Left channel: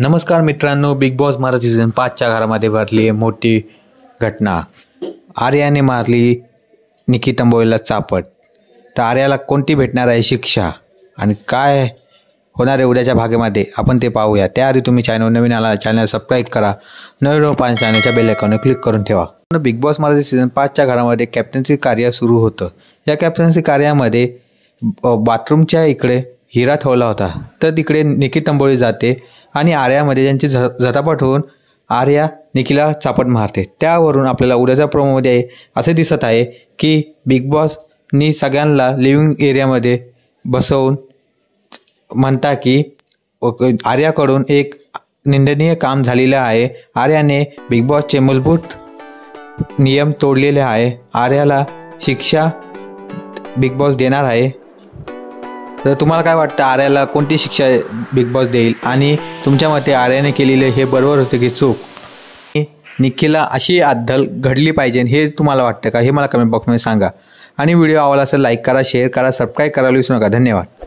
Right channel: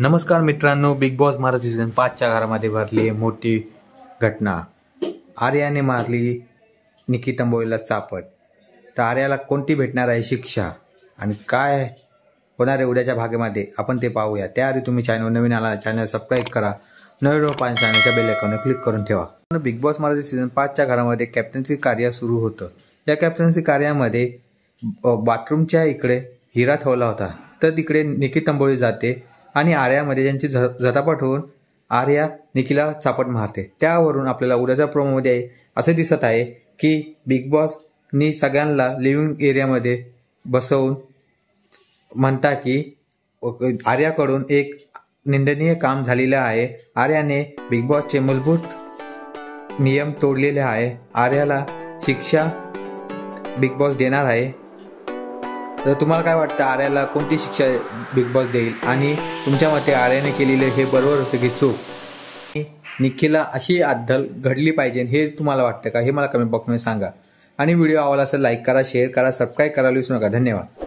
नमस्कार मित्रांनो, big boss Marathi season 5च्या घरामध्ये भरली मोठी घटना। आर्याने मारली निकी तंबोळीला चापट। तर आर्याला कोणती भेटणार आहे शिक्षा आणि काय होणार आहे उद्याच्या भागामध्ये आपण ते पाहूया। त्याआधी तुम्ही चॅनल नवीन आला चॅनल सबस्क्राईब करा, नवीन व्हिडिओ पाहण्यासाठी चॅनलच्या बेल आयकॉनवर क्लिक करून ठेवा। बिग बॉस मराठी सीझन 5च्या घरामध्ये कॅप्टन्सी कार्य सुरू होतं। या कॅप्टन्सी कार्यामध्ये बाथरूमच्या इकडे हिरा ठेवला होता, तर तिकडे निकी तंबोळी जाते आणि आर्यामध्ये ज्यांची झटापट होऊन आर्या निकीला चापट मारते। त्यावरून आपल्याला उद्याच्या प्रोमोमध्ये असे दिसत आहे की बिग बॉसनी सगळ्यांना लिव्हिंग एरियामध्ये बसवून म्हणता की आर्याकडून एक निंदनीय काम झालेलं आहे। आर्याने बिग बॉसचे मूलभूत नियम तोडलेले आहे। आर्याला शिक्षा बिग बॉस देणार आहे। तर तुम्हाला काय वाटतं, आर्याला कोणती शिक्षा बिग बॉस देईल आणि तुमच्या मते आर्याने केलेले हे बरोबर होते की चूक? निकीला अशी अद्दल घडली पाहिजे हे तुम्हाला वाटतं का? हे मला कमेंट बॉक्समध्ये सांगा आणि व्हिडिओ आवडला असेल लाईक करा, शेअर करा, सबस्क्राईब करायला विसरू नका। धन्यवाद।